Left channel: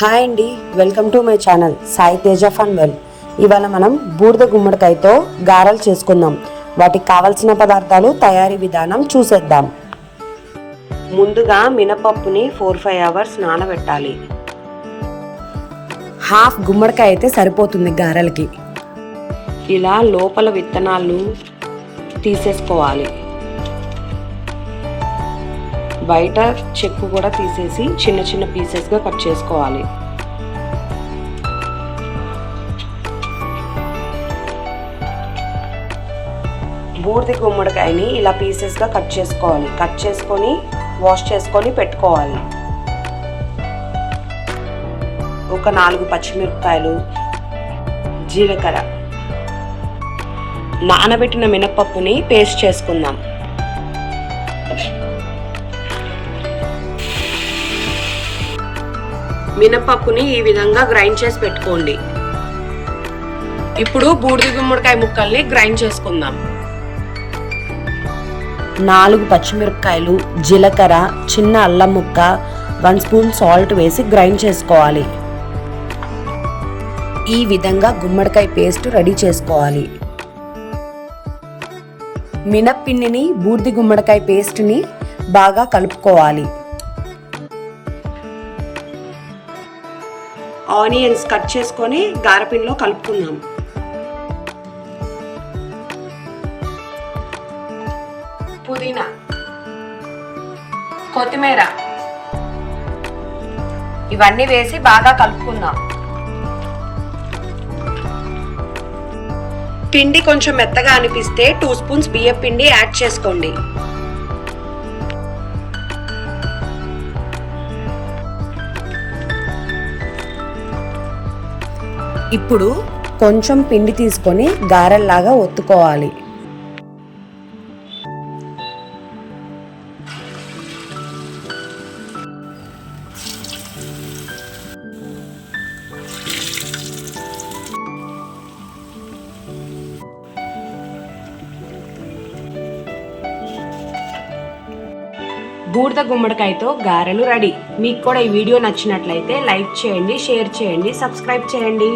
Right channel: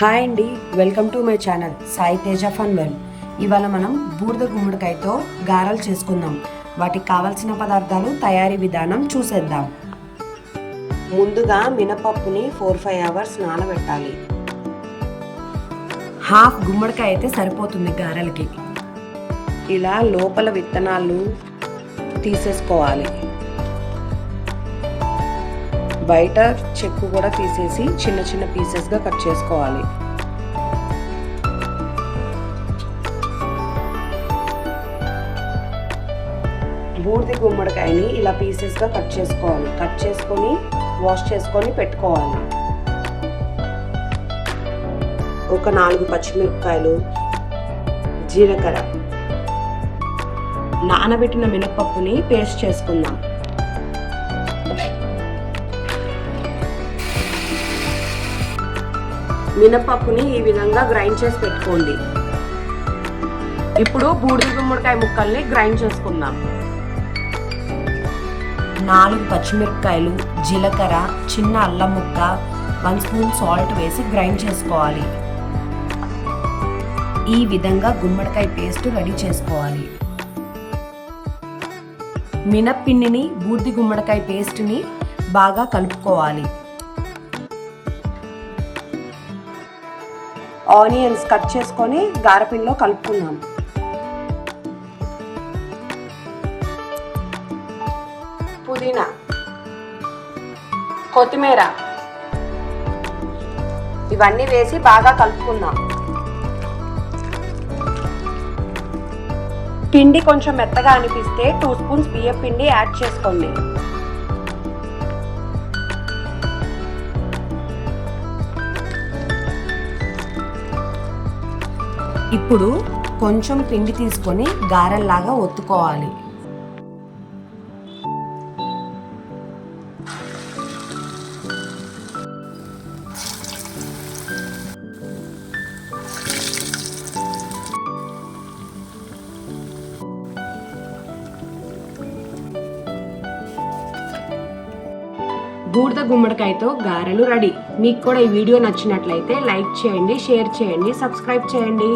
Hi అండి welcome to my channel Sai Teja fun well ఇవాళ మనం బూడిద గుమ్మడికాయతో గారెలు చేసుకుందాం. వాటికి కావలసిన పదార్థాలు తయారీ విధానం చూసేద్దాం. ముందుగా మినపప్పుని ఫోర్ ఫైవ్ అవర్స్ నానబెట్టాలి. హాఫ్ గుమ్మడికాయ అయితే సరిపోతుంది గారెలకి. ఇలా లోపల విత్తనాలు తీసేసుకోవాలి. బయట చెక్కు కూడా తీసేసి చిన్న చిన్న పీసెస్గా కట్ చేసుకోవాలి. బూడిద గుమ్మడికాయని ఇలా పీసెస్గా కట్ చేసుకోవాలి. కట్ చేసుకొని వాష్ చేసుకొని పెట్టుకోవాలి. ఒక నాలుగు పచ్చిమిరపకాయలు జీలకర్ర నానబెట్టిన మినపప్పుని పేస్ట్ చేసుకుందాం. మినపప్పుని ఈ విధంగా గ్రైండ్ చేసి పెట్టుకోండి. ఇప్పుడు బూడిద గుమ్మడికాయ ముక్కల్ని గ్రైండ్ చేసుకుందాం. నాలుగు పచ్చిమిరపకాయలు జీలకర్ర చిన్న అల్లం ముక్క వన్ స్పూన్ సాల్ట్ వేసి గ్రైండ్ చేసుకోవాలి. ఈ విధంగా గుమ్మడికాయ పేస్ట్ రెడీ చేసుకోవాలి. మినప్పిండిని బూర్ది గుమ్మడికాయ పేస్ట్ని బాగా కలుపుకోవాలి. ఆనియన్స్ కట్ చేసుకొని గారపిండిలో కలుపుకుందాం. పుదీనా కొత్తిమీర ఇవన్నీ వేసి బాగా కలుపుకుందాం. పిండి కొంచెం మెత్తగా అనిపిస్తే టూ స్పూన్స్ బియ్యం పిండి యాడ్ చేసుకోండి. ఇప్పుడు కొంచెం పిండి తీసుకొని గారెల్లాగా ఒత్తుకోవాలి. బూడిద గుమ్మడికాయతో గారెలు రెడీ. మీకు కూడా ఈ వీడియో నచ్చినట్లయితే లైక్ చేయండి షేర్ చేయండి సబ్స్క్రైబ్ చేయండి.